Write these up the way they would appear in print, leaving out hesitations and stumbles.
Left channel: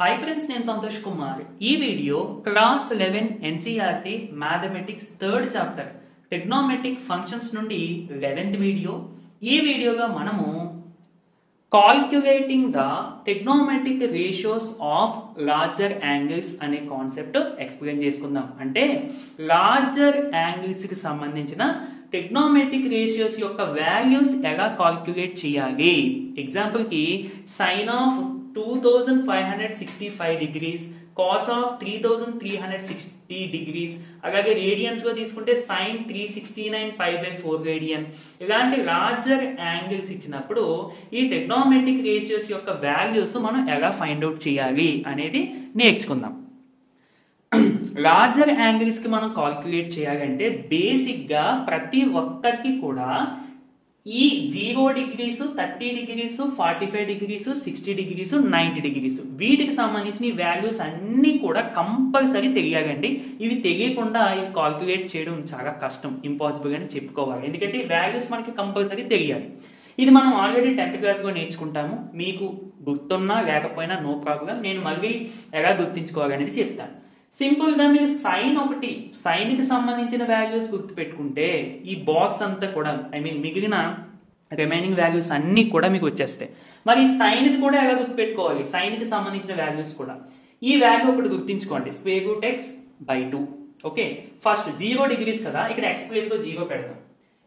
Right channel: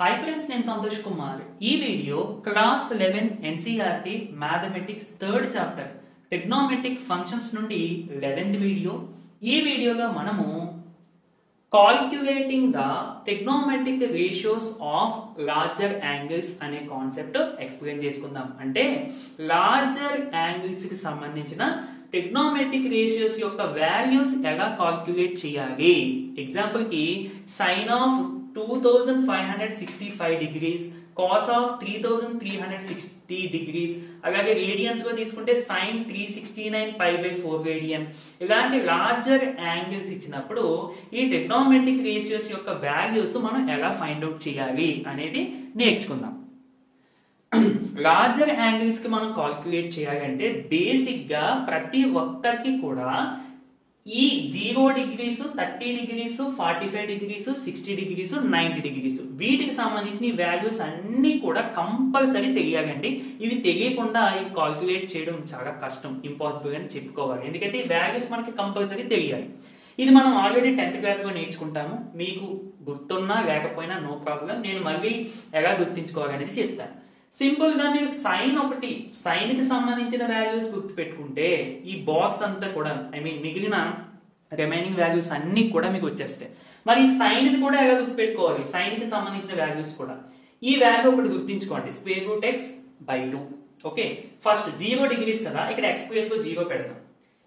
Hi friends, నేను సంతోష్ కుమార్. ఈ video class 11 NCERT mathematics third chapter trigonometric functions నుండి 11th video. ఈ వీడియోలో మనము calculating the trigonometric ratios of larger angles అనే కాన్సెప్ట్ ఎక్స్ప్లెయిన్ చేసుకుందాం. అంటే లార్జర్ యాంగిల్స్ కి సంబంధించిన ట్రిగ్నోమెట్రిక్ రేషియోస్ యొక్క వాల్యూస్ ఎలా కాల్క్యులేట్ చేయాలి. ఎగ్జాంపుల్ కి sine of 2565 degrees, cos of 3360 degrees, అలాగే రేడియన్స్ లో తీసుకుంటే సైన్ 369 π/4 రేడియన్. ఇలాంటి లార్జర్ యాంగిల్స్ ఇచ్చినప్పుడు ఈ ట్రిగ్నోమెట్రిక్ రేషియోస్ యొక్క వాల్యూస్ మనం ఎలా ఫైండ్ అవుట్ చేయాలి అనేది నేర్చుకుందాం. లార్జర్ యాంగిల్స్ కి మనం కాల్క్యులేట్ చేయాలంటే బేసిక్ గా ప్రతి ఒక్కరికి కూడా ఈ 0 degrees, 30 degrees, 45 degrees, 60 degrees, 90 degrees వీటికి సంబంధించిన ఈ వాల్యూస్ అన్ని కూడా కంపల్సరీ తెలియాలండి. ఇవి తెలియకుండా కాల్క్యులేట్ చేయడం చాలా కష్టం, ఇంపాసిబుల్ అని చెప్పుకోవాలి. ఎందుకంటే ఈ వాల్యూస్ మనకి కంపల్సరీ తెలియాలి. ఇది మనం ఆల్రెడీ 10th క్లాస్ లో నేర్చుకుంటాము. మీకు గుర్తున్నా లేకపోయినా నో ప్రాబ్లం. నేను మళ్ళీ ఎలా గుర్తించుకోవాలనేది చెప్తాను. సింపుల్ గా మీరు సైన్ కి సంబంధించిన వాల్యూస్ గుర్తు పెట్టుకుంటే ఈ బాక్స్ అంతా కూడా మిగిలిన రిమైనింగ్ వాల్యూస్ అన్ని కూడా మీకు వచ్చేస్తాయి. మరి సైన్ ది కూడా ఎలా గుర్తు పెట్టుకోవాలి? సైన్ కి సంబంధించిన వాల్యూస్ కూడా ఈ వాల్యూ ఒకటి గుర్తించుకోండి, √x/2. ఓకే, ఫస్ట్ 0 డిగ్రీస్ కదా, ఇక్కడ x ప్లేస్ లో 0 పెడతాం.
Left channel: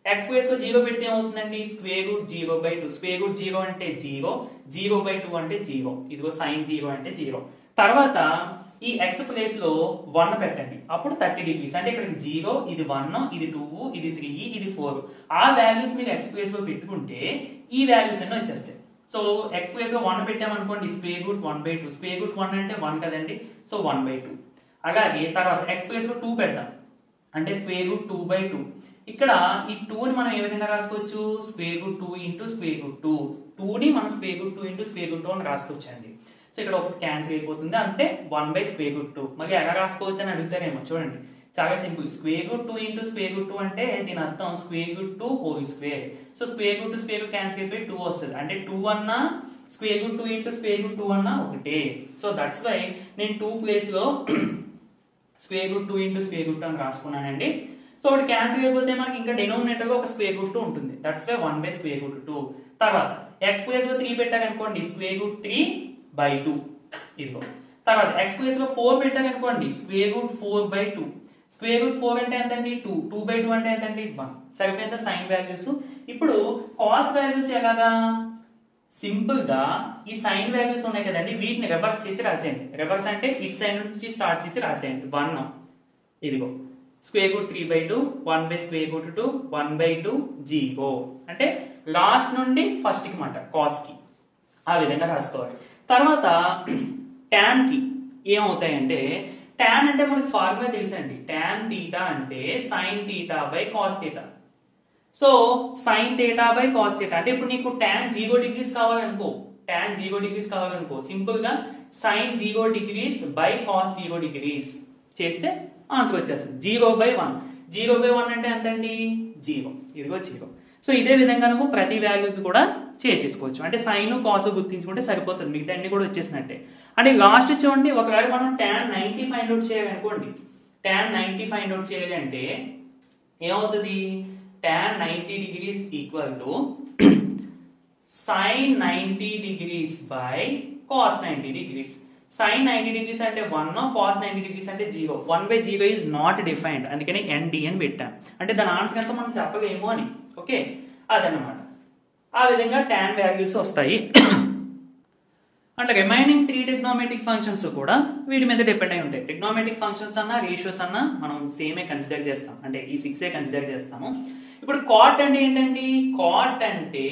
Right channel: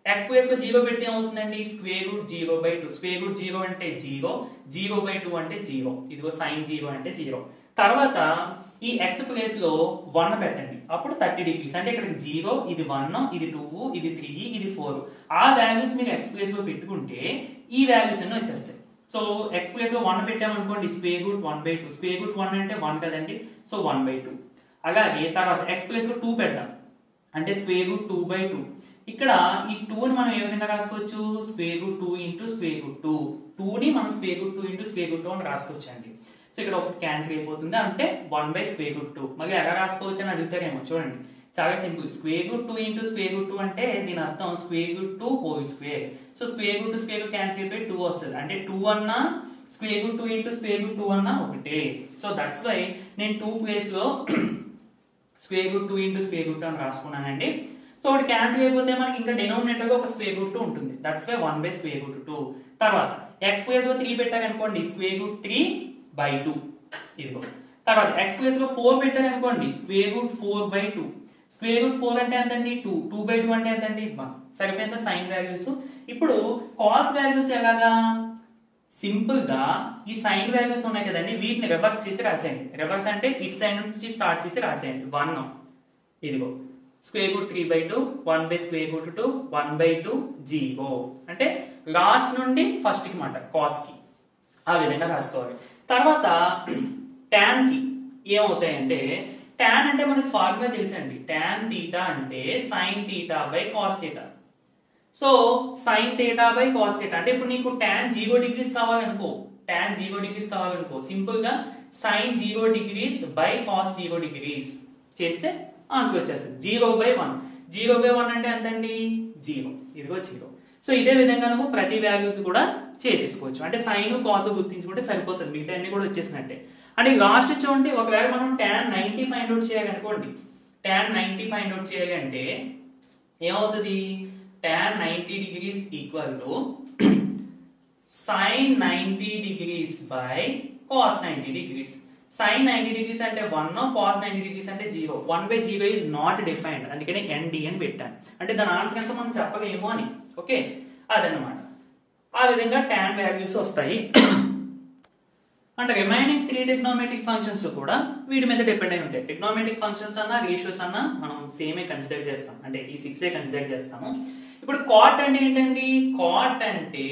x ప్లేస్ లో 0 పెడితే ఏమవుతుందండి? √0/2. √0 అంటే 0, 0/2 అంటే 0. ఇదిగో సైన్ 0 అంటే 0. తర్వాత ఈ x ప్లేస్ లో 1 పెట్టండి, అప్పుడు 30 డిగ్రీస్. అంటే ఇక్కడ 0, ఇది 1, ఇది 2, ఇది 3, ఇది 4. ఆ వాల్యూస్ మీరు x ప్లేస్ లో పెట్టుకుంటే ఈ వాల్యూస్ అన్ని వచ్చేస్తాయి. సో x ప్లేస్ లో 1 పెట్టామనుకోండి, √1/2. √1 అంటే 1 కదండి, సో 1/2. అలాగే తర్వాత x ప్లేస్ లో 2 పెడదాం, అంటే √2/2. ఇక్కడ ఈ 2 ని మనం ఏ విధంగా రాసుకోవచ్చు? √2 × √2. 2 ని మనం √2 × √2 అని రాసుకోవచ్చు అండి. సో ఇక్కడ ఒకటి క్యాన్సిల్ అయిపోతుంది, అంటే 1/√2. మరి ఎలా రాసుకోవచ్చు అని అడుగుతారేమో. చూడండి, చాలా సింపుల్. √2 × √2 అంటే దీని అర్థం √2². సో √2 క్యాన్సిల్ అయిపోయి 2 వస్తుంది. అంటే 2 అన్నా √2 × √2 అన్నా ఒకటే. సో దట్స్ వై నేను 2 ప్లేస్ లో √2 × √2 అని రాసుకున్నానండి. సో ఒకటి క్యాన్సిల్ అయిపోతే మనకి ఇంకా డెనోమినేటర్ లో ఒక √2 ఉంటుంది. That's why 1/√2. తర్వాత x ప్లేస్ లో 3 పెట్టారనుకోండి, √3/2. ఇదిగో. తర్వాత x ప్లేస్ లో 4 పెట్టారనుకోండి, √4/2. √4 అంటే ఎంతండి? 2. 2/2 అంటే ఎంతండి? 1. సరిపోయిందా సైన్ వాల్యూస్? ఇప్పుడు కాస్ వాల్యూస్ ఎలాగా? సింపుల్ గా ఈ సైన్ వాల్యూస్ ఉన్నాయి కదండి, వీటిని రివర్స్ చేసి రాసేయండి. రివర్స్ అంటే ఇట్ సైడ్ నుంచి స్టార్ట్ చేసి రాసేయండి. 1, ఇదిగో √3/2, 1/√2, 1/2, 0. అంటే లాస్ట్ నుండి ఫస్ట్ కి మాట, కాస్ కి ఆ విధంగా రాసుకోవాలి. తర్వాత tan కి ఏమవుతాయంటే, tan అంటే మనకి ఫార్ములా తెలుసండి. tan θ అంటే sin θ/cos θ. So sin θ/cos θ అంటే ఇప్పుడు నీకు tan 0 డిగ్రీస్ కావాలనుకో, సింపుల్ గా sin 0 డిగ్రీస్ /cos 0 డిగ్రీస్ చేస్తే ఆన్సర్ వచ్చేస్తుంది. 0/1. 0/1 అంటే ఎంతండి? 0. ఇదిగో 0. సో ఇదే విధంగా నువ్వు ప్రతి వాల్యూకి కూడా చేసేసుకోవచ్చు. అంటే సైన్ కాస్ గుర్తించుకుంటే సరిపోతుంది, మిగతా అన్ని కూడా వచ్చేసినట్టే. అంటే లాస్ట్ చూడండి, ఒకవేళ మనం tan 90 ఫైండ్ అవుట్ చేయాలనుకోండి, tan 90 ఫైండ్ అవుట్ చేయాలి అంటే ఏమవుతుంది? tan 90 degrees equal to sin 90 degrees cos 90 degrees. sin 90 degrees అంటే 1, cos 90 డిగ్రీస్ అంటే 0. 1/0 ఈజ్ నాట్ డిఫైన్డ్, అందుకని ND అని పెట్టాను. అంటే దాని ఆన్సర్ ఎంత మనం చెప్పలేము అని. ఓకే, అదనమాట. ఆ విధంగా tan వాల్యూస్ వస్తాయి. అంటే రిమైనింగ్ 3 ట్రిగ్నోమెట్రిక్ ఫంక్షన్స్ కూడా వీటి మీద డిపెండ్ అయి ఉంటాయి. ట్రిగ్నోమెట్రిక్ ఫంక్షన్స్ అన్నా రేషియోస్ అన్నా మనం సేమే కన్సిడర్ చేస్తాం, అంటే ఈ 6 కన్సిడర్ చేస్తాము. ఇప్పుడు కాట్ అంటే ఏంటండి? కాట్ అంటే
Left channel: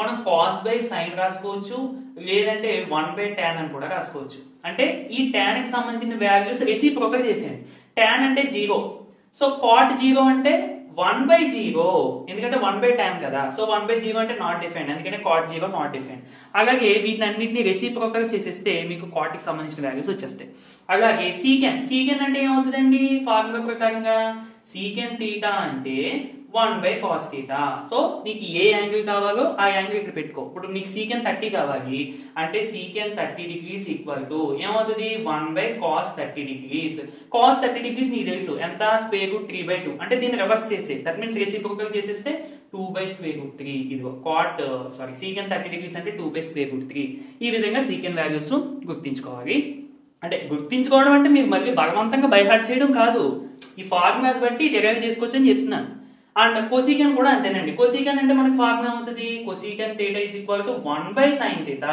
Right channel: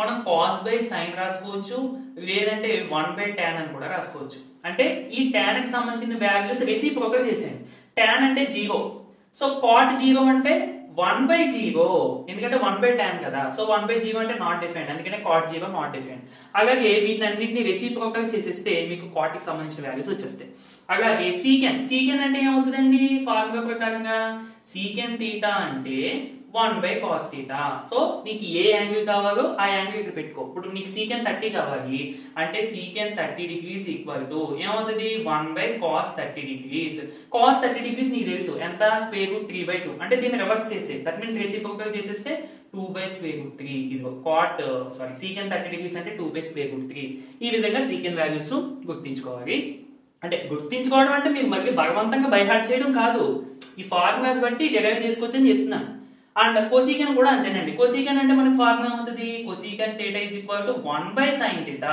మనం cos/sin రాసుకోవచ్చు, లేదంటే 1/tan అని కూడా రాసుకోవచ్చు. అంటే ఈ tan కి సంబంధించిన వాల్యూస్ రెసిప్రోకల్ చేసేయండి. tan అంటే 0, సో cot 0 అంటే 1/0, ఎందుకంటే 1/tan కదా. సో 1/0 అంటే నాట్ డిఫైన్డ్, అందుకంటే cot 0 నాట్ డిఫైన్డ్. అలాగే వీటినన్నింటినీ రెసిప్రోకల్ చేసేస్తే మీకు cot కి సంబంధించిన వాల్యూస్ వచ్చేస్తాయి. అలాగే సీకెన్ అంటే ఏమవుతుందండి? ఫార్ములా ప్రకారంగా సీకెంట్ థీటా అంటే 1/cos θ. సో నీకు ఏ యాంగిల్ కావాలో ఆ యాంగిల్ ఇక్కడ పెట్టుకో. ఇప్పుడు నీకు సీకెంట్ 30 కావాలి అంటే సీకెంట్ 30 degrees ఈక్వల్ టు ఏమవుతుంది 1/cos 30 degrees. cos 30 degrees నీకు తెలుసు ఎంత √3/2 అంటే దీన్ని రివర్స్ చేస్తే దట్ మీన్స్ రెసిప్రోకల్ చేసేస్తే 2/√3. ఇదిగో సీకెంట్ 30 degrees అంటే 2/√3. ఈ విధంగా సీకెంట్ వాల్యూస్ గుర్తించుకోవాలి. అంటే గుర్తించుకోవడం అంటే మీరు మళ్ళీ బలవంతంగా బైహార్ట్ చేయడం కాదు, ఈ ఫార్ములాస్ బట్టి డిరైవ్ చేసుకోవచ్చు అని చెప్తున్నాను. అండ్ కొసీకెన్ కూడా అంతేనండి. కొసీకెన్ అంటే మనకి ఫార్ములా అవుతుంది కొసీకెన్ theta is equal to 1/sin θ.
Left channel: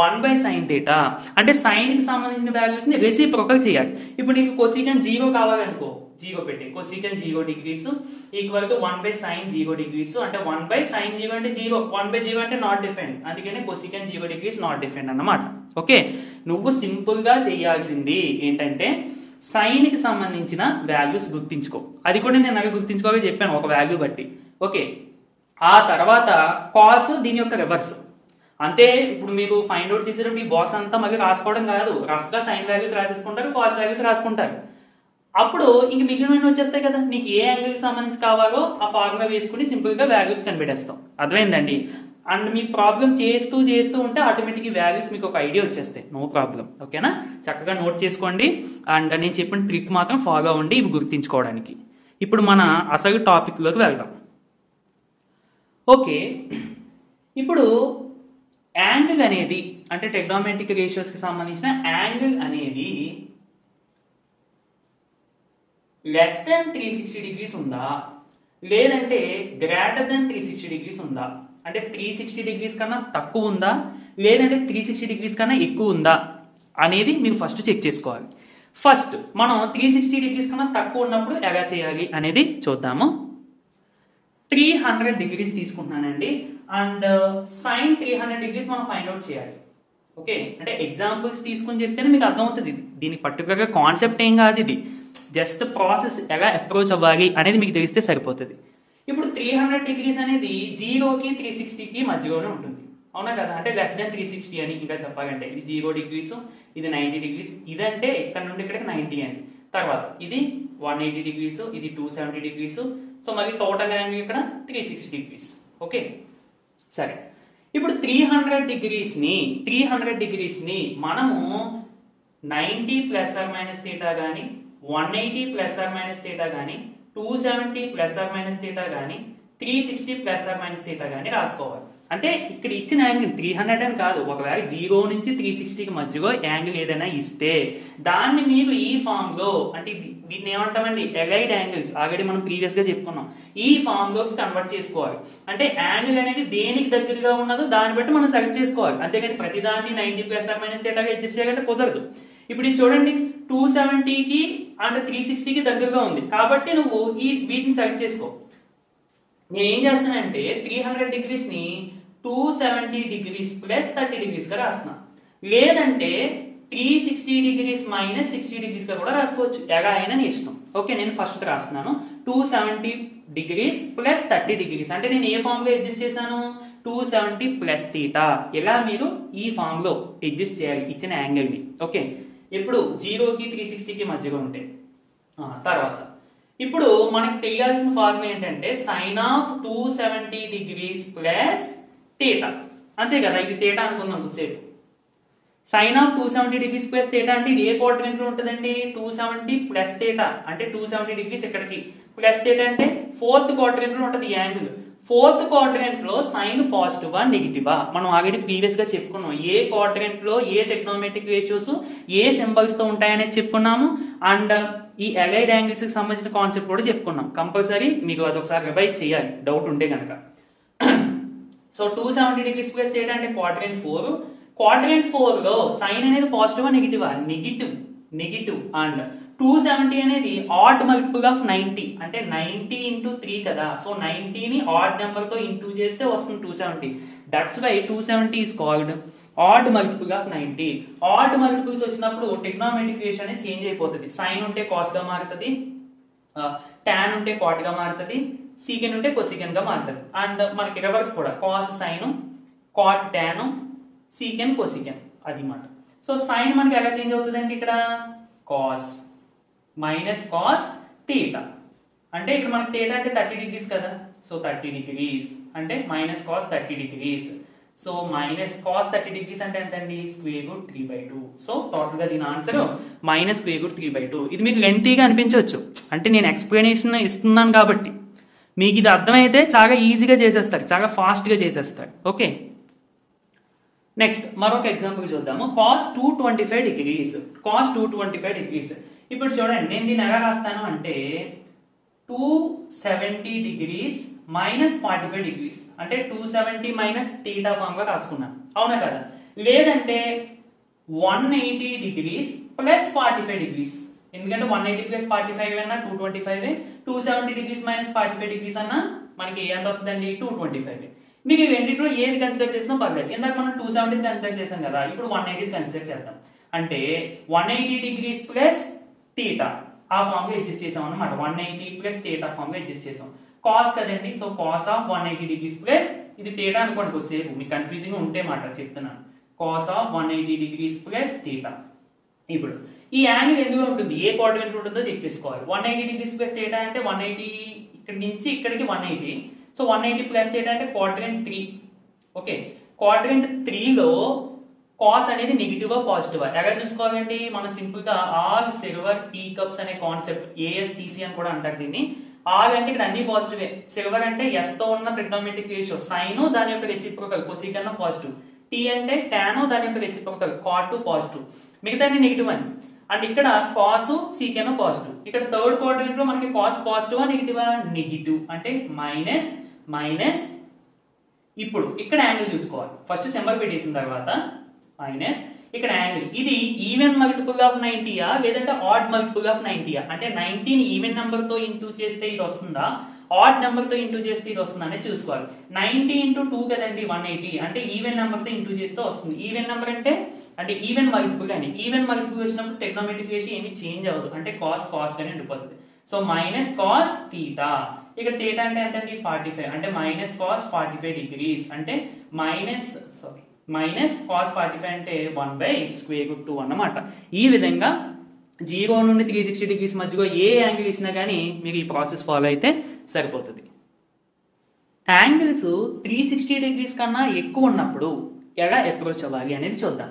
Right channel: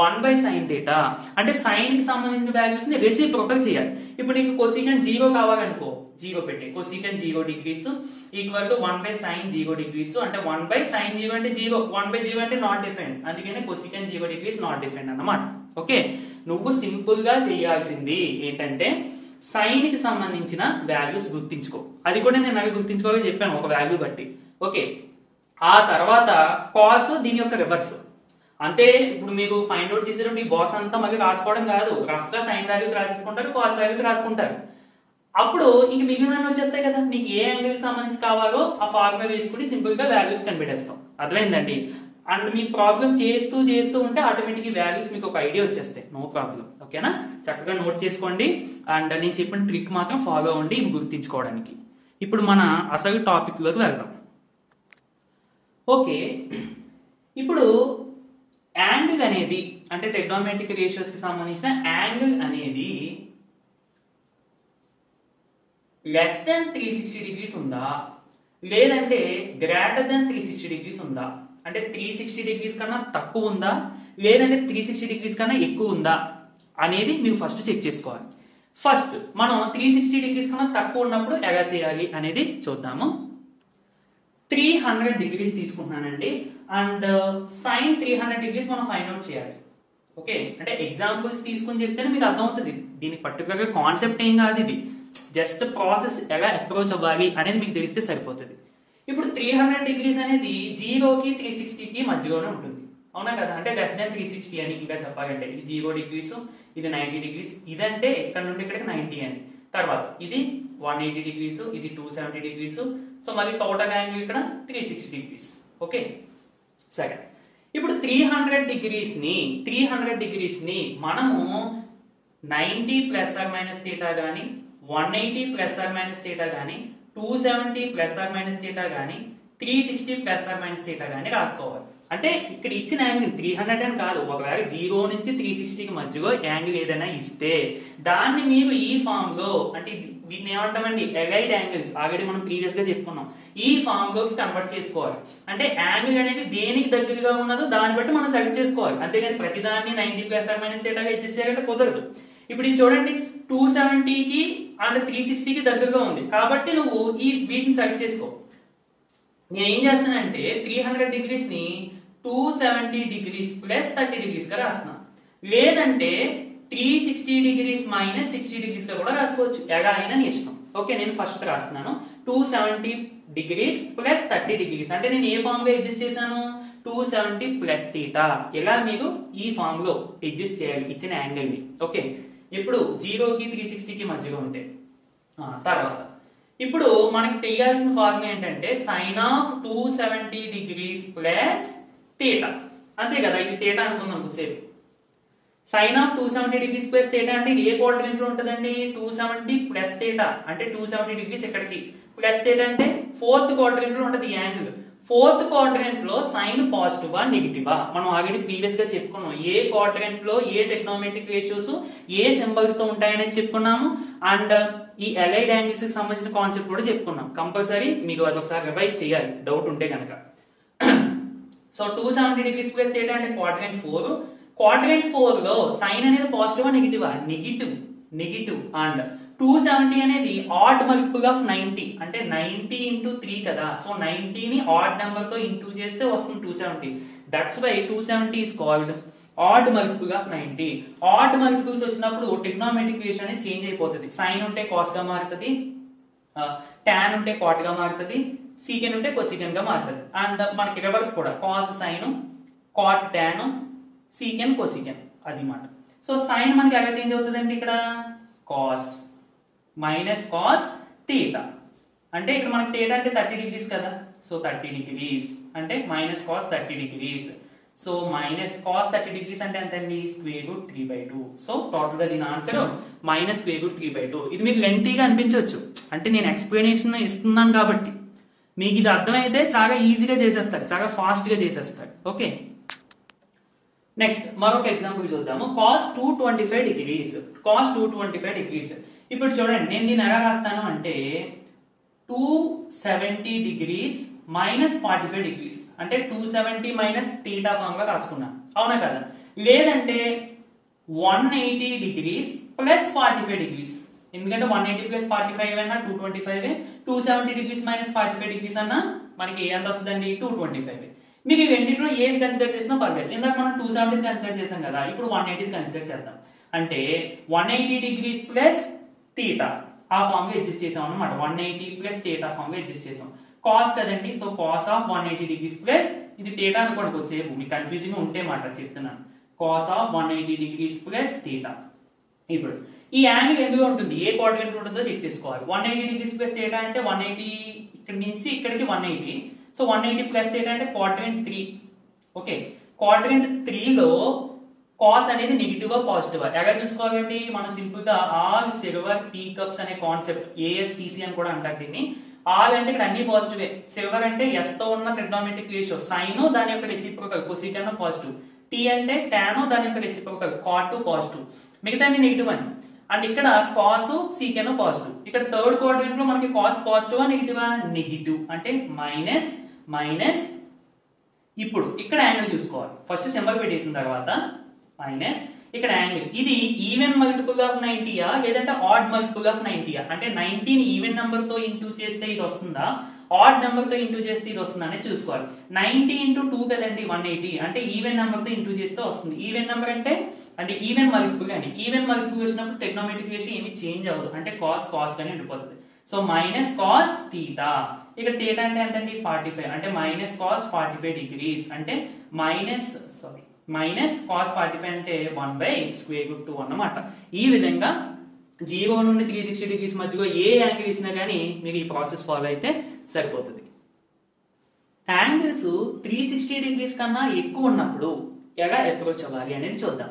1/sin θ అంటే సైన్ కి సంబంధించిన వాల్యూస్ ని రెసిప్రోకల్ చేయాలి. ఇప్పుడు నీకు కొసీకెన్ 0 కావాలనుకో, 0 పెట్టే కొసీకెన్ 0 degrees equal to 1/sin 0 degrees అంటే 1/sin 0 అంటే 0, 1/0 అంటే నాట్ డిఫైన్డ్, అందుకనే కొసీకెన్ 0 degrees నాట్ డిఫైన్డ్ అన్నమాట. ఓకే, నువ్వు సింపుల్ గా చేయాల్సింది ఏంటంటే సైన్ కి సంబంధించిన వాల్యూస్ గుర్తించుకో. అది కూడా నేను అవి గుర్తించుకోవాలి చెప్పాను ఒక వాల్యూ బట్టి. ఓకే, ఆ తర్వాత కాస్ దీని యొక్క రివర్స్ అంతే. ఇప్పుడు మీరు ఫైండ్ అవుట్ చేసేటప్పుడు ఈ బాక్స్ అంతా మళ్ళీ రాసుకోవడం కాదు, రఫ్ గా సైన్ వాల్యూస్ రాసేసుకుంటారు, కాస్ వాల్యూస్ రాసుకుంటారు. అప్పుడు ఇంక మిగిలిన వచ్చేస్తాయి కదా, నీకు ఏ యాంగిల్ కి సంబంధించి కావాలో ఆ ఫార్ములా వేసుకుని సింపుల్ గా వాల్యూస్ కనిపెట్టేస్తాం. అర్థమైందండి? అండ్ మీ ప్రాబ్లం చేస్తూ ఉంటే ఆటోమేటిక్ వాల్యూస్ మీకు ఒక ఐడియా వచ్చేస్తాయి, నో ప్రాబ్లం. ఓకేనా, చక్కగా నోట్ చేసుకోండి. అండ్ నేను చెప్పిన ట్రిక్ మాత్రం ఫాలో అవ్వండి ఇవి గుర్తించుకోవడానికి. ఇప్పుడు మన అసలు టాపిక్ లోకి వెళ్దాం. ఓకే, ఇప్పుడు యాంగిల్ అనేది అంటే ట్రిగ్నోమెట్రిక్ రేషియోస్ కి సంబంధించిన యాంగిల్ అనేది లెస్ దాన్ 360 degrees ఉందా లేదంటే గ్రేటర్ దాన్ 360 degrees ఉందా, అంటే 360 degrees కన్నా తక్కువ ఉందా లేదంటే 360 degrees కన్నా ఎక్కువ ఉందా అనేది మీరు ఫస్ట్ చెక్ చేసుకోవాలి. ఫస్ట్ మనం 360 degrees కన్నా తక్కువ ఉన్నప్పుడు ఎలా చేయాలి అనేది చూద్దాము. 300 degrees తీసుకుంటున్నానండి అండ్ సైన్ 300 degrees మనం ఫైండ్ అవుట్ చేయాలి. ఓకే, అంటే ఎగ్జాంపుల్స్ తీసుకుని చెప్తేనే మీకు అర్థమవుతుంది. దీని పర్టికులర్ గా కాన్సెప్ట్ ఏం కాదు, ఇది జస్ట్ ప్రాసెస్ ఎలా అప్రోచ్ అవ్వాలి అనేది మీకు తెలిస్తే సరిపోతుంది. ఇప్పుడు 300 degrees అనేది 0కి 360కి మధ్యలోనే ఉంటుంది, అవునా కదా? అంటే లెస్ దాన్ 360 అని ఇంకా చెప్పాలంటే ఇది 0 degrees, ఇది 90 degrees, ఇదంటే ఇక్కడ నుండి ఇక్కడికి 90 అని. తర్వాత ఇది 180 degrees, ఇది 270 degrees. సో మళ్ళీ టోటల్ యాంగిల్ ఇక్కడ 360 degrees. ఓకే, సరే. ఇప్పుడు 300 degrees ని మనము 90 ± θ గానీ 180 ± θ గానీ 270 ± θ గానీ 360 ± θ గానీ రాసుకోవాలి. అంటే ఇక్కడ ఇచ్చిన యాంగిల్ 300 అని కాదు, ఒకవేళ 0 నుంచి 360కి మధ్యలో యాంగిల్ ఏదైనా ఇస్తే దాన్ని మీరు ఈ ఫామ్ లో, అంటే వీటిని ఏమంటామండి ఎలైడ్ యాంగిల్స్, ఆల్రెడీ మనం ప్రీవియస్ గా చెప్పుకున్నాం, ఈ ఫామ్ లోకి కన్వర్ట్ చేసుకోవాలి. అంటే యాంగిల్ అనేది దేనికి దగ్గరగా ఉన్నదో దాన్ని బట్టి మనం సెలెక్ట్ చేసుకోవాలి, అంతేగాని ప్రతిదాన్ని 90 ± θ గా అడ్జస్ట్ చేయాలంటే కుదరదు. ఇప్పుడు ఇది చూడండి 270కి అండ్ 360కి దగ్గరగా ఉంది కాబట్టి నువ్వు వీటిని సెలెక్ట్ చేసుకో. నేను ఏం చేస్తానంటే 300 degrees ని 270 degrees + 30 degrees గా రాస్తున్నా, లేదంటే 360 degrees - 60 degrees గా కూడా రాసుకోవచ్చు, ఎలా అయినా నీ ఇష్టం. ఓకే, నేను ఫస్ట్ రాస్తున్నాను 270 degrees + 30 degrees అంటే నేను ఏ ఫామ్ లో అడ్జస్ట్ చేశాను 270 + θ. ఇలా మీరు ఈ ఫామ్ లో అడ్జస్ట్ చేయాలి ఇచ్చిన యాంగిల్ ని. ఓకే, ఇప్పుడు 0కి 360కి మధ్యలో ఉంటే తర్వాత ఇప్పుడు మనకి తెలియాల్సిన ఫార్ములా ఏంటంటే sin of 270 degrees + θ. అంతే కదా, ఇది θ అనుకుందాం కొద్దిసేపు. sin of 270 degrees + θ అంటే ఇది ఏ క్వాడ్రంట్ లో ఉంటుందండి 270 + θ అంటే 270 degrees ఇక్కడికి ప్లస్ θ అంటే 4th క్వాడ్రంట్ లో ఉంటుంది ఈ యాంగిల్. 4th క్వాడ్రంట్ లో సైన్ పాజిటివా నెగిటివా మనం ఆల్రెడీ ప్రీవియస్ గా చెప్పుకున్నాం. ఏ క్వాడ్రంట్ లో ఏ ట్రిగ్నోమెట్రిక్ రేషియోస్ ఏ సింబల్స్ తో ఉంటాయనేది చెప్పుకున్నాము. అండ్ ఈ అలైడ్ యాంగిల్స్ కి సంబంధించిన కాన్సెప్ట్ కూడా చెప్పుకున్నాం. కంపల్సరీ మీకు అది ఒకసారి రివైజ్ చేయాలి డౌట్ ఉంటే కనుక. సో 270 degrees + θ అంటే క్వాడ్రంట్ 4. క్వాడ్రంట్ 4 లో సైన్ అనేది పాజిటివా నెగిటివా నెగిటివ్ అండ్ 270 అనేది ఆడ్ మల్టిపుల్ ఆఫ్ 90 అంటే 90 × 3 కదా. సో 90 ని ఆడ్ నెంబర్ తో ఇంటూ చేస్తే వస్తుంది 270. That's why 270 is called odd multiple of 90. Odd multiples వచ్చినప్పుడు ట్రిగ్నోమెట్రిక్ రేషియో అనేది చేంజ్ అయిపోతుంది. సైన్ ఉంటే కాస్ గా మారుతుంది, టాన్ ఉంటే కాట్ గా మారుతుంది, సీకెన్ ఉంటే కొసీకెన్ గా మారుతుంది. అండ్ మనకి రివర్స్ కూడా cos sine, cot tan, secant cosecant అది మాట. సో సైన్ మనకి ఎలా చేంజ్ అవుతుందండి ఇక్కడ కాస్ -cos θ. అంటే ఇక్కడ మనకి θ అంటే 30 degrees కదా, సో 30 degrees అంటే minus cos 30 degrees. So minus cos 30 degrees అంటే ఎంత అండి, స్క్వేర్ రూట్ 3/2. సో టోటల్ గా దీని ఆన్సర్ మైనస్ స్క్వేర్ రూట్ 3/2. ఇది మీకు లెంతీగా అనిపించవచ్చు, అంటే నేను ఎక్స్ప్లెనేషన్ ఇస్తున్నాను కాబట్టి మీకు ఇది అర్థమైతే చాలా ఈజీగా చేసేస్తారు, చాలా ఫాస్ట్ గా చేసేస్తారు. ఓకే, నెక్స్ట్ మరొక ఎగ్జాంపుల్ చూద్దాము. Cos 225 degrees. Cos 225 degrees. ఇప్పుడు చూడండి, నేను దీన్ని ఎలా రాస్తాను అంటే 270 degrees మైనస్ 45 degrees అంటే 270 మైనస్ θ ఫామ్ గా రాసుకున్నాం, అవునా కదా? లేదంటే 180 degrees ప్లస్ 45 degrees, ఎందుకంటే 180 ప్లస్ 45 అన్నా 225, 270 degrees మైనస్ 45 degrees అన్నా మనకి ఎంత వస్తుందండి, 225. మీకు రెండింటిలో ఏది కన్సిడర్ చేసినా పర్లేదు. ఇందాక మనం 270 కన్సిడర్ చేసాం కదా, ఇప్పుడు 180 కన్సిడర్ చేద్దాం. అంటే 180 degrees ప్లస్ θ ఆ ఫామ్ గా అడ్జస్ట్ చేసాం అన్నమాట. 180 ప్లస్ θ ఫామ్ గా అడ్జస్ట్ చేసాం. కాస్ కదండి, so cos of 180 degrees plus ఇది θ అనుకోండి, కొద్దిసేపు మీకు కన్ఫ్యూజింగ్ ఉంటే మాట చెప్తున్నాను. Cos of 180 degrees plus θ. ఇప్పుడు ఈ యాంగిల్ ఎందులో ఉంటుంది, ఏ క్వాడ్రంట్ ఉంటుందో చెక్ చేసుకోవాలి. 180 degrees ప్లస్ θ అంటే 180 ఇక్కడ నుంచి ఇక్కడికి 180. సో 180 ప్లస్ θ అంటే క్వాడ్రంట్ 3. ఓకే, క్వాడ్రంట్ 3 లో కాస్ అనేది నెగిటివ్ పాజిటివ్ ఎలా చూసుకోవాలండి, మనం సింపుల్ గా ఆల్ సిల్వర్ టీ కప్స్ అనే కాన్సెప్ట్, ఏఎస్టీసీ అని కూడా అంటారు దీన్ని. ఆల్ అంటే ఇక్కడ అన్ని పాజిటివ్, సిల్వర్ అంటే ఎస్ తో ఉన్న ట్రిగ్నోమెట్రిక్ రేషియో సైన్ దాని యొక్క రెసిప్రోకల్ కొసీకన్ పాజిటివ్, టీ అంటే టాన్ దాని యొక్క రెసిప్రోకల్ కాట్ పాజిటివ్, మిగతా నెగిటివ్ అని. అండ్ ఇక్కడ కాస్ సీకెన్ పాజిటివ్. ఇక్కడ థర్డ్ క్వాడ్రంట్ లో మనకి కాస్ పాజిటివ్ నెగిటివ్, నెగిటివ్ అంటే మైనస్ మైనస్. ఇప్పుడు ఇక్కడ యాంగిల్ చూసుకోవాలి, ఫస్ట్ సింబల్ పెట్టేసిన తర్వాత మైనస్ ఇక్కడ యాంగిల్. ఇది ఈవెన్ మల్టిపుల్ ఆఫ్ 90యా లేదంటే ఆడ్ మల్టిపుల్ ఆఫ్ 90యా, అంటే 19 ఈవెన్ నెంబర్ తో ఇంటూ చేస్తే ఇది వస్తుందా, ఆడ్ నెంబర్ తో ఇంటూ చేస్తే ఇది వస్తుందా అనేది చూసుకోవాలి. 90 ఇంటూ 2 కదండి 180, అంటే ఈవెన్ నెంబర్ తో ఇంటూ చేస్తే వస్తుంది. ఈవెన్ నెంబర్ అంటే ఈవెన్ మల్టిపుల్ అని, ఈవెన్ మల్టిపుల్ వచ్చినప్పుడు ట్రిగ్నోమెట్రిక్ రేషియో ఏమి చేంజ్ అవ్వదు, అంటే కాస్ కాస్ గానే ఉండిపోతుంది. So minus cos θ. ఇక్కడ θ అంటే ఎంతండి 45, అంటే మైనస్ కాస్ 45 degrees అంటే మైనస్ కాస్ 45 అంటే 1/√2 అన్నమాట. ఈ విధంగా 0 నుండి 360 degrees మధ్యలో ఏ యాంగిల్ ఇచ్చినా కానీ మీరు ఈ ప్రాసెస్ ఫాలో అయితే సరిపోతుంది. యాంగిల్స్ 360 degrees కన్నా ఎక్కువ ఉన్నప్పుడు ఎలా అప్రోచ్ అవ్వాలి అనేది చూద్దాం.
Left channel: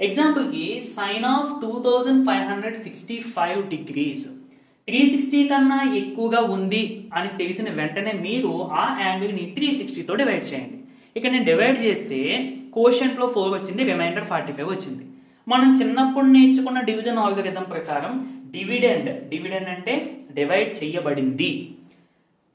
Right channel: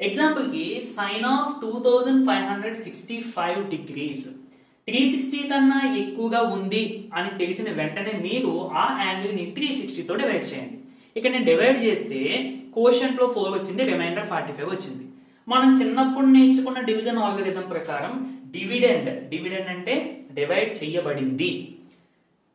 ఎగ్జాంపుల్ కి సైన్ ఆఫ్ 2565 degrees 360 కన్నా ఎక్కువగా ఉంది అని తెలిసిన వెంటనే మీరు ఆ యాంగిల్ ని 360 తో డివైడ్ చేయండి. ఇక్కడ నేను డివైడ్ చేస్తే కోషంట్ లో 4 వచ్చింది, రిమైండర్ 45 వచ్చింది. మనం చిన్నప్పుడు నేర్చుకున్న డివిజన్ ఆల్గరిథం ప్రకారం డివిడెండ్ అంటే డివైడ్ చేయబడింది.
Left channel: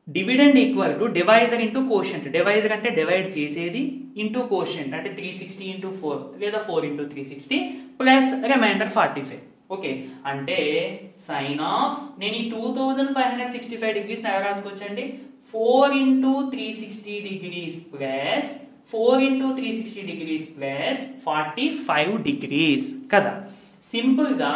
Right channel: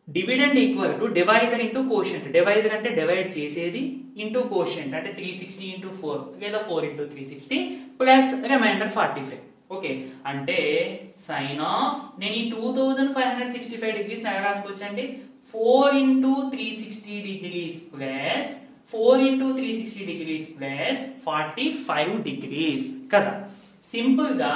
Dividend equal to divisor into quotient. Divisor అంటే డివైడ్ చేసేది, ఇంటూ కోషంట్ అంటే 360 ఇంటూ 4 లేదా 4 ఇంటూ 360 ప్లస్ రిమైండర్ 45. ఓకే, అంటే సైన్ ఆఫ్ నేను ఈ 2565 degrees ఎలా రాసుకోవచ్చండి, 4 into 360 degrees plus 4 into 360 degrees plus 45 degrees కదా. సింపుల్ గా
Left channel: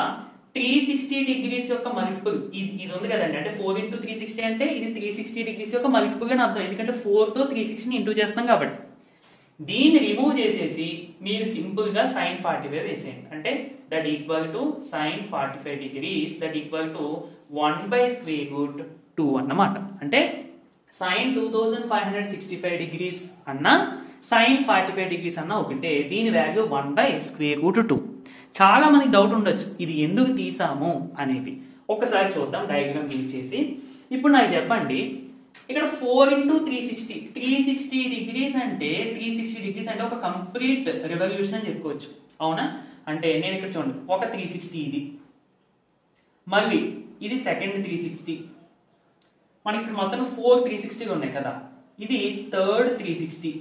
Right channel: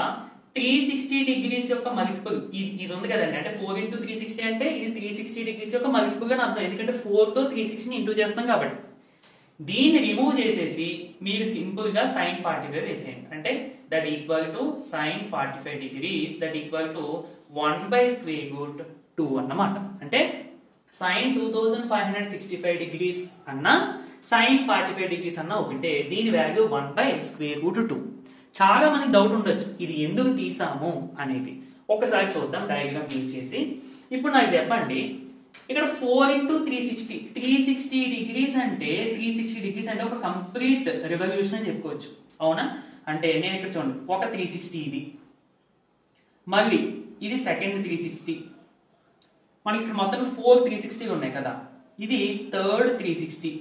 360 degrees యొక్క మల్టిపుల్ ఇది ఉంది కదండి, అంటే 4 ఇంటూ 360 అంటే ఇది 360 degrees యొక్క మల్టిపుల్ గా అర్థం, ఎందుకంటే 4 తో 360 ఇంటూ చేస్తాం కాబట్టి. దీన్ని రిమూవ్ చేసేసి మీరు సింపుల్ గా sin 45 వేసేయండి, అంటే that equal to sin 45 degrees that equal to 1/√2 అన్నమాట. అంటే sin 2565 degrees అన్నా sin 45 degrees అన్నా ఒకటే, దీని వాల్యూ 1/√2. చాలా మందికి డౌట్ ఉండొచ్చు ఇది ఎందుకు తీసాము అనేది. ఒకసారి చూద్దాం డయాగ్రామ్ యూజ్ చేసి. ఇప్పుడు నాకు చెప్పండి, ఇక్కడ 4 ఇంటూ 360 degrees అంటే 360 degrees అంటే ఒక కంప్లీట్ రెవల్యూషన్ అని చెప్పుకోవచ్చు, అవునా? అంటే నేను ఇక్కడ చూడండి, ఒక 360 ఇది, మళ్ళీ ఇది సెకండ్ 360, మనకి ఇక్కడ మొత్తం 4 360 ఉన్నాయి కదా, ఇది థర్డ్ 360,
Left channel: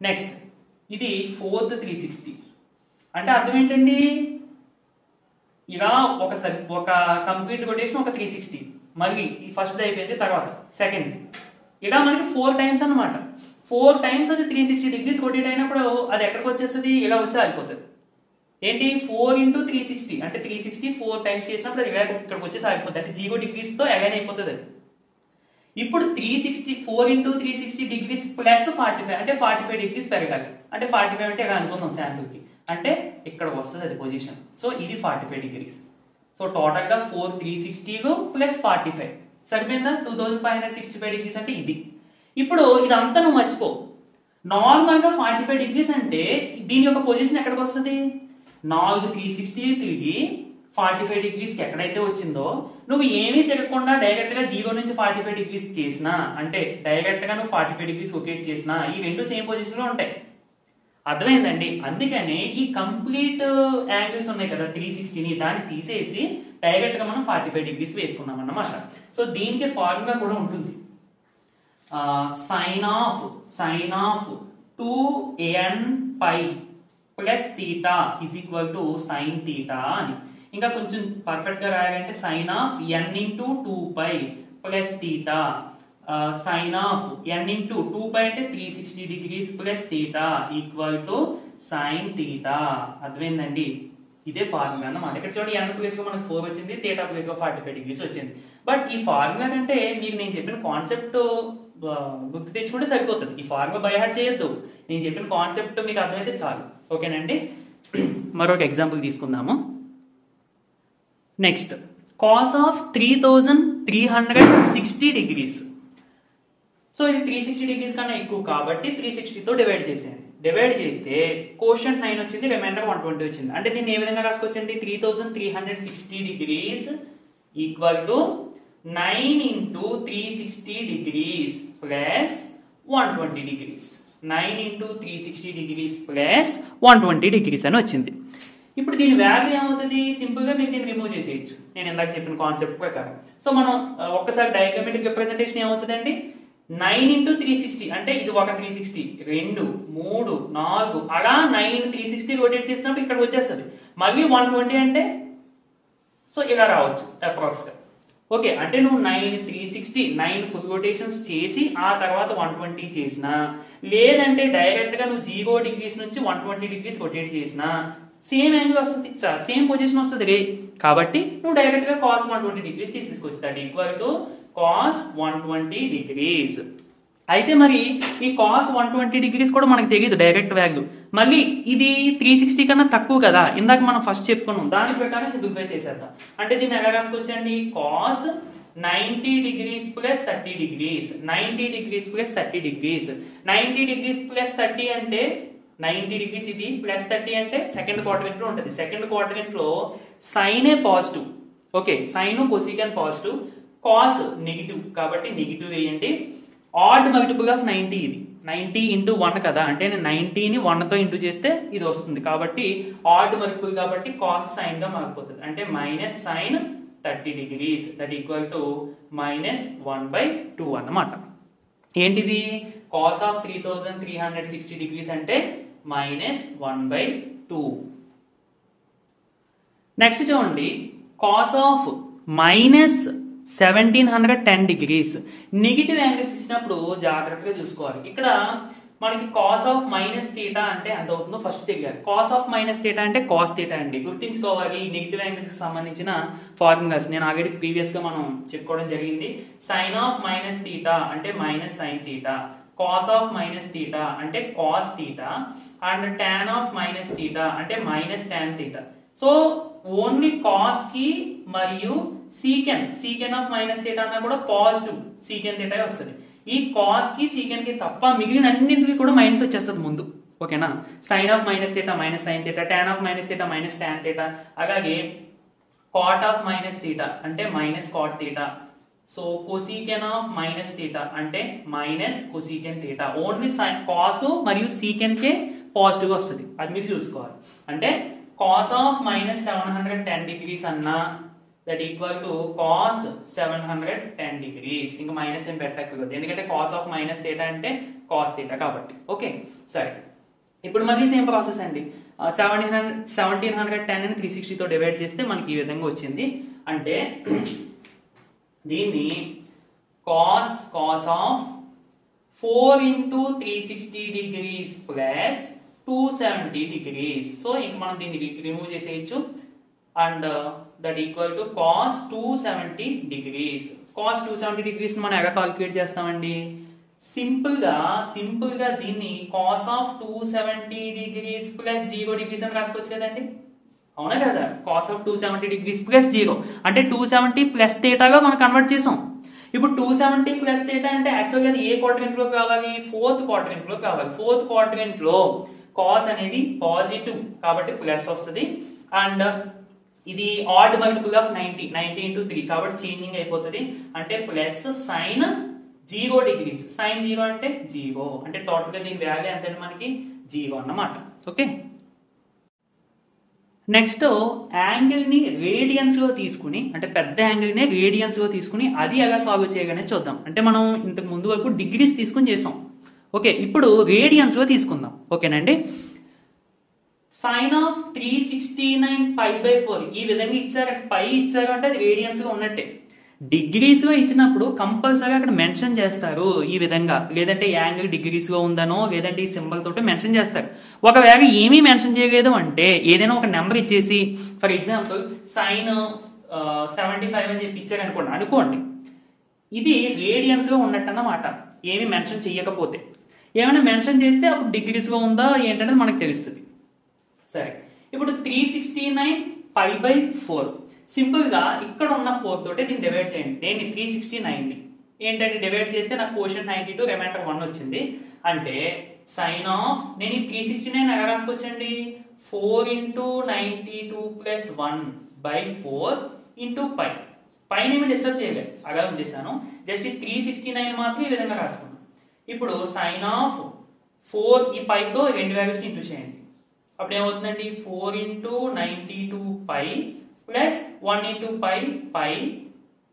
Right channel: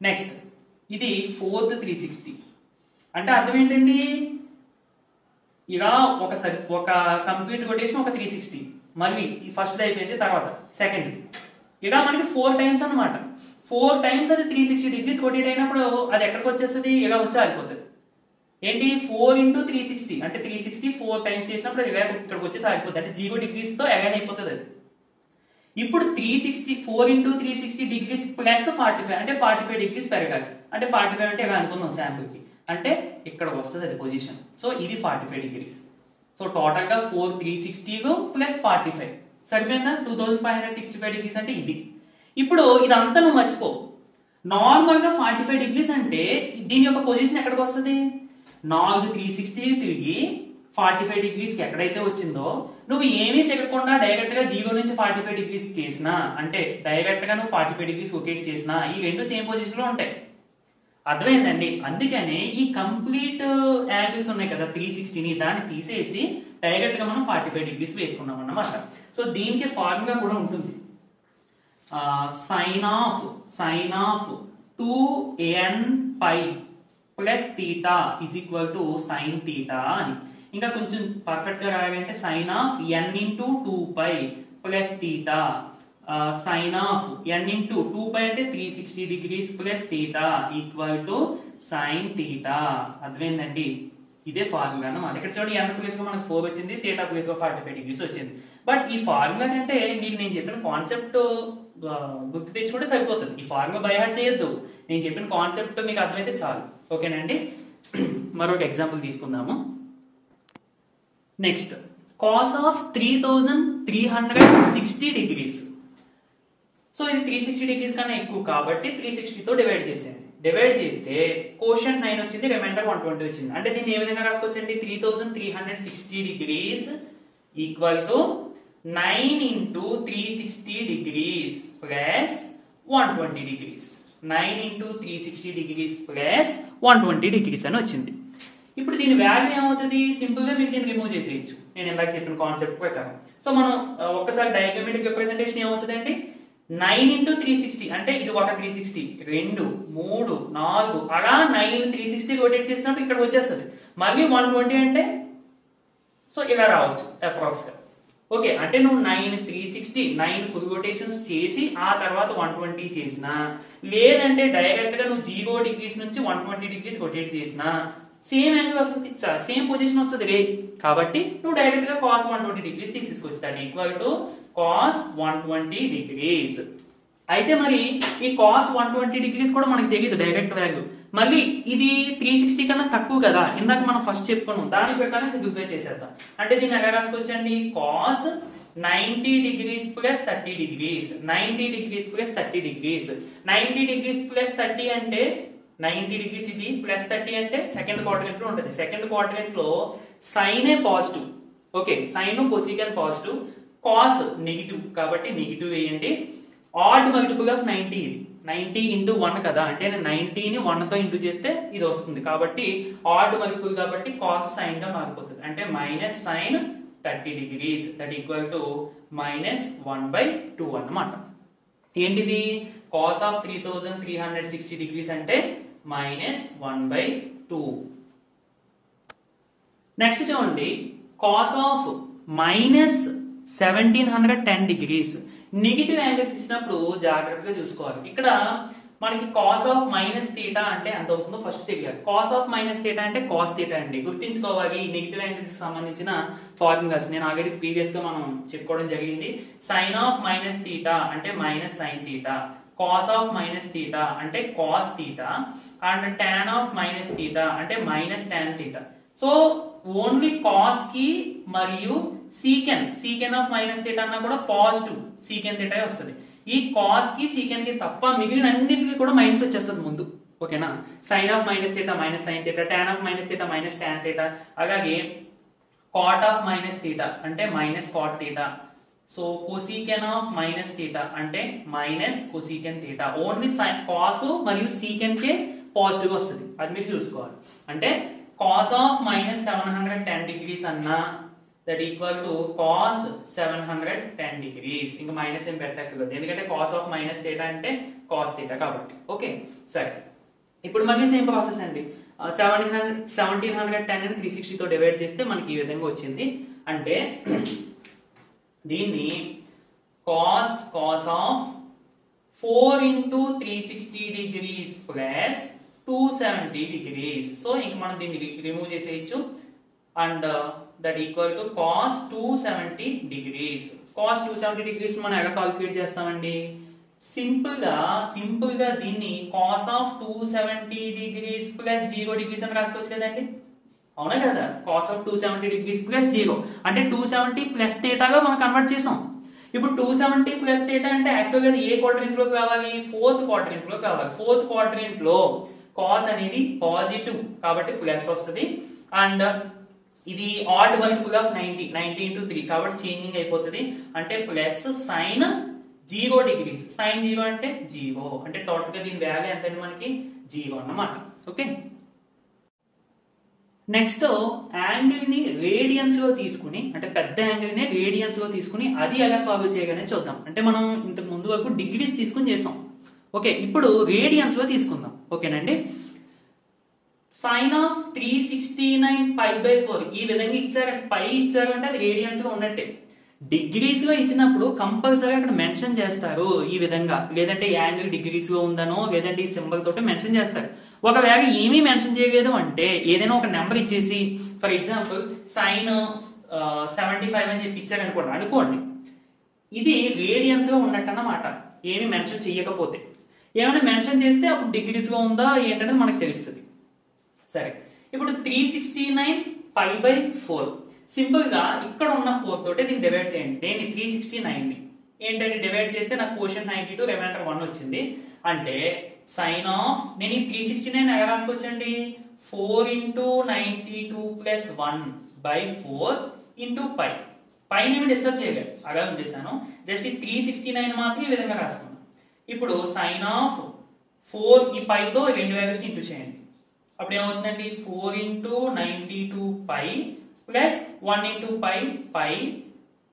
నెక్స్ట్ ఇది ఫోర్త్ 360. అంటే అర్థం ఏంటండి, ఇలా ఒక కంప్లీట్ రొటేషన్ ఒక 360, మళ్ళీ ఈ ఫస్ట్ అయిపోయింది, తర్వాత సెకండ్, ఇలా మనకి 4 టైమ్స్ అన్నమాట. 4 టైమ్స్ అది 360 degrees రొటేట్ అయినప్పుడు అది ఎక్కడికి వచ్చేస్తుంది, ఇలా వచ్చి ఆగిపోతుంది. ఏంటి 4 ఇంటూ 360 అంటే 360 4 టైమ్స్ చేసినప్పుడు అది ఇక్కడికి వచ్చేసి ఆగిపోతుంది, అంటే 0 degrees తో అగైన్ అయిపోతుంది అది. ఇప్పుడు 4 ఇంటూ 360 degrees ప్లస్ 45 అంటే 45 degrees పెరగాలి, అంటే 45 అంటే ఇలా అనుకుందాం శాంపుల్ కి, అంటే ఇక్కడ వస్తుంది అది పొజిషన్. సో ఇది 45 degrees. సో టోటల్ గా 4 360 ప్లస్ 45 సరిపోయిందా? 2565 డిగ్రీస్ అంటే ఇది. ఇప్పుడు ఇదంతా నువ్వు మర్చిపో. నార్మల్ గా 45 డిగ్రీస్ అంటే దీని యొక్క పొజిషన్ ఎక్కడికి వస్తుంది? 360 తిరిగి 45 డిగ్రీస్ కి ఎక్కడైతే వచ్చిందో నువ్వు ఏమీ తిరగకుండా డైరెక్ట్ గా 0 నుంచి 45 డిగ్రీస్ చేసినా, అంటే డైరెక్ట్ గా నువ్వు 45 డిగ్రీస్ రొటేట్ చేసినా ఈ రెండు సేమ్ పొజిషన్ లో ఉంటాయి. అర్థమైందండి? అందుకని ఈ కంప్లీట్ యాంగిల్స్ ఉన్నాయి కదా 360ని, దాన్ని తీసేసి డైరెక్ట్ గా మనం 45 డిగ్రీస్ వేసుకున్నాం అన్నమాట. సో దీనికి ఫార్ములా కూడా ఉంటుంది. Sine of 2n pi plus theta is equal to sine theta అని. ఇంకా కొంచెం పర్ఫెక్ట్ గా రాయాలంటే sine of n into 2π plus theta, sine of n into 2π అంటే 360 degrees plus theta equal to sine theta. అర్థమైందండి? ఇదే ఫార్ములా అన్నమాట. ఇక్కడ చూడండి n ప్లేస్ లో మనకు 4 వచ్చింది, థీటా ప్లేస్ లో 45 డిగ్రీస్ వచ్చింది. బట్ ఈ ఫార్ములా కంటే మీకు నేను చెప్పిన కాన్సెప్ట్ గుర్తు తెచ్చుకుంటే సరిపోతుంది. ఈ ఫార్ములా బై హార్ట్ చేయొద్దు. నేను చెప్పిన కాన్సెప్ట్ మీకు అర్థమైతే చాలు. ఓకేనండి? మరొక ఎగ్జాంపుల్ తీసుకుందాము. Next, cos of 3360 degrees. So ఇది 360 డిగ్రీస్ కన్నా ఎక్కువ కాబట్టి 360 తో డివైడ్ చేసేయండి. డివైడ్ చేస్తే కోషంట్ 9 వచ్చింది, రిమైండర్ 120 వచ్చింది. అంటే దీన్ని ఏ విధంగా రాసుకోవచ్చండి? 3360 degrees equal to 9 into 360 degrees plus 120 degrees. 9 into 360 degrees plus 120 degrees అని వచ్చింది. ఇప్పుడు దీని వాల్యూ ఏమవుతుంది? సింపుల్ గా మీరు దీన్ని రిమూవ్ చేసేయచ్చు, నేను ఇందాక చెప్పిన కాన్సెప్ట్ ప్రకారం. సో మనం ఒక్కసారి డయాగ్రామెట్రిక్ రిప్రజెంటేషన్ ఏమవుతుందండి? 9 ఇంటూ 360 అంటే ఇది ఒక 360, 2, 3, 4 అలా 9 360 రొటేట్ చేసినప్పుడు ఇక్కడ వచ్చేస్తుంది. మళ్ళీ 120 అంటే సో ఇలా రావచ్చు అప్రాక్స్ గా. ఓకే, అంటే నువ్వు 9 360 9 ఫుల్ రొటేషన్స్ చేసి ఆ తర్వాత 120 చేసినా, లేదంటే డైరెక్ట్ గా నువ్వు 0 డిగ్రీస్ నుంచి 120 డిగ్రీస్ రొటేట్ చేసినా సేమ్ యాంగిల్ వస్తుంది, సేమ్ పొజిషన్ వస్తుంది రే. కాబట్టి నువ్వు డైరెక్ట్ గా cos 120 డిగ్రీస్ తీసేసుకోవచ్చు. That equal to cos 120 degrees. అయితే మరి ఈ cos 120 డిగ్రీస్ కూడా మనకు తెలియదు డైరెక్ట్ వాల్యూ. మళ్ళీ ఇది 360 కన్నా తక్కువ కదా, ఇందాక మనం ఫస్ట్ చెప్పుకున్నాం, దాని ప్రకారం సింప్లిఫై చేసేద్దాం. అంటే దీన్ని ఎలా రాసుకోవచ్చండి? cos 90 degrees plus 30 degrees, 90 degrees plus 30 degrees. 90 degrees plus 30 అంటే 90 డిగ్రీస్ ఇది ప్లస్ 30 అంటే సెకండ్ క్వాడ్రంట్ లో ఉంటుంది. సెకండ్ క్వాడ్రంట్ లో sine a positive. Okay, sine cosecant positive, cos negative కాబట్టి నెగిటివ్ వేయండి. ఆడ్ మల్టిపుల్ ఆఫ్ 90 ఇది 90 ఇంటూ 1 కదా, అంటే 90ని 1 తో ఇంటూ చేస్తే ఇది వస్తుంది. కాబట్టి ఆడ్ మల్టిపుల్ కాబట్టి కాస్ సైన్ గా మారిపోతుంది. అంటే minus sine 30 degrees that equal to minus 1/2 అన్నమాట. ఏంటిది? కాస్ ఆఫ్ 3360 డిగ్రీస్ అంటే మైనస్ 1/2. నెక్స్ట్ చూడండి, cos of minus 1710 degrees. Negative angles ఇచ్చినప్పుడు జాగ్రత్తగా చూసుకోవాలి. ఇక్కడ మనకి కాస్ ఆఫ్ మైనస్ థీటా అంటే ఎంత అవుతుందో ఫస్ట్ తెలియాలి. కాస్ ఆఫ్ మైనస్ థీటా అంటే కాస్ థీటా అండి, గుర్తించుకోవాలి. నెగిటివ్ యాంగిల్స్ సంబంధించిన ఫార్ములాస్ నేను ఆల్రెడీ ప్రీవియస్ గా మనం చెప్పుకోవడం జరిగింది. సైన్ ఆఫ్ మైనస్ థీటా అంటే minus sine theta, cos of minus theta అంటే cos theta, and tan of minus theta అంటే minus tan theta. So only cos కి మరియు సీకెన్ ఆఫ్ మైనస్ థీటా అన్నా కూడా పాజిటివ్ సీకెన్ థీటా వస్తుంది. ఈ కాస్ కి సీకెన్ కి తప్ప మిగిలిన అన్నింటికి కూడా మైనస్ వచ్చేస్తుంది ముందు. ఓకేనా? Sine of minus theta minus sine theta, tan of minus theta minus tan theta, అలాగే కాట్ ఆఫ్ మైనస్ థీటా అంటే minus cot theta. So cosecant of minus theta అంటే minus cosecant theta. Only cos మరియు secant కే positive వస్తుంది, అది మీరు చూసుకోవాలి. అంటే కాస్ ఆఫ్ మైనస్ 710 డిగ్రీస్ అన్నా that equal to cos 710 degrees. ఇంకా మైనస్ ఏం పెట్టక్కర్లేదు, ఎందుకంటే కాస్ ఆఫ్ మైనస్ థీటా అంటే కాస్ థీటా కాబట్టి. ఓకే, సరే. ఇప్పుడు మళ్ళీ సేమ్ ప్రాసెస్ అండి. 1710 ని 360 తో డివైడ్ చేస్తే మనకి ఈ విధంగా వచ్చింది. అంటే దీన్ని cos of 4 into 360 degrees plus 270 degrees. So ఇంక మనం దీన్ని రిమూవ్ చేసేయచ్చు. And that equal to cos 270 degrees. Cos 270 degrees మనం ఎలా కాల్కులేట్ చేస్తామండి? సింపుల్ గా దీన్ని cos of 270 degrees plus 0 degrees అని రాసుకోవచ్చు కదండి, అవునా కదా? కాస్ ఆఫ్ 270 డిగ్రీస్ ప్లస్ 0 అంటే 270 ప్లస్ థీటాగా మనం కన్వర్ట్ చేసాం. ఇప్పుడు 270 ప్లస్ థీటా అంటే యాక్చువల్గా ఏ క్వాడ్రెంట్ లో కావాలి, ఫోర్త్ క్వాడ్రెంట్ లో కావాలి. ఫోర్త్ క్వాడ్రెంట్ లో కాస్ అనేది పాజిటివ్ కాబట్టి ప్లస్ వస్తుంది. అండ్ ఇది ఆడ్ మల్టిపుల్ ఆఫ్ 90 into 3 కాబట్టి చేంజింగ్ అయిపోతుంది. అంటే ప్లస్ సైన్ 0 degrees. సైన్ 0 అంటే 0 అంటే టోటల్ గా దీని వాల్యూ ఎంత మనకి 0 అన్నమాట. ఓకే, నెక్స్ట్ యాంగిల్ ని రేడియన్స్ లో తీసుకుని, అంటే పెద్ద యాంగిల్ ని రేడియన్స్ లో తీసుకుని అది ఎలా సాల్వ్ చేయగానే చూద్దాం. అంటే మనం ఇంతకు ముందు వరకు డిగ్రీస్ తీసుకుని చేసాం. ఓకే, ఇప్పుడు రేడియన్స్ లో తీసుకుందాం. ఓకేనండి, సైన్ ఆఫ్ 369 π/4 ఈ విధంగా ఇచ్చారు. పై ఇచ్చారు అంటే అది రేడియన్స్ గా ఉన్నట్టే. డిగ్రీస్ లో ఇచ్చినప్పుడు కంపల్సరీ అక్కడ మెన్షన్ చేస్తారు ఈ విధంగా, లేదంటే యాంగిల్ డిగ్రీస్ లో ఉందనో లేదంటే ఈ సింబల్ తోటి మెన్షన్ చేస్తారు. ఒకవేళ ఏమీ మెన్షన్ చేయలేదు అంటే ఏదైనా ఒక నెంబర్ ఇచ్చేసి ఫర్ ఎగ్జాంపుల్ సైన్ 75 అని చెప్పి ఇచ్చారు అనుకోండి, ఇది రేడియన్స్ లో ఉన్నట్టు అన్నమాట. ఏమి మెన్షన్ చేయకపోతే, ఏమైనా మెన్షన్ చేస్తే అప్పుడు డిగ్రీస్ లో ఉందా ఏంటనేది మనకు తెలుస్తుంది. సరే, ఇప్పుడు 369 π/4 సింపుల్ గా ఇక్కడ ఉన్న 4 తోటి దీన్ని డివైడ్ చేయండి. దేన్ని 369 ని ఏంటంటే డివైడ్ చేస్తే నాకు క్వోషియంట్ 92 రిమైండర్ 1 వచ్చింది. అంటే సైన్ ఆఫ్ నేను ఈ 369 ఎలా రాసుకోవచ్చండి, 4 into 92 plus 1/4 into π. పైన ఏమి డిస్టర్బ్ చేయలేదు, అలా ఉంచేసాను. జస్ట్ ఈ 369 మాత్రం ఈ విధంగా రాసుకున్నాను. ఇప్పుడు సైన్ ఆఫ్ 4 ఈ పైతో రెండు వాల్యూస్ ఇంటూ చేయండి. అప్పుడు ఏమవుతుందండి, 4 into 92 π ప్లస్ 1 into π.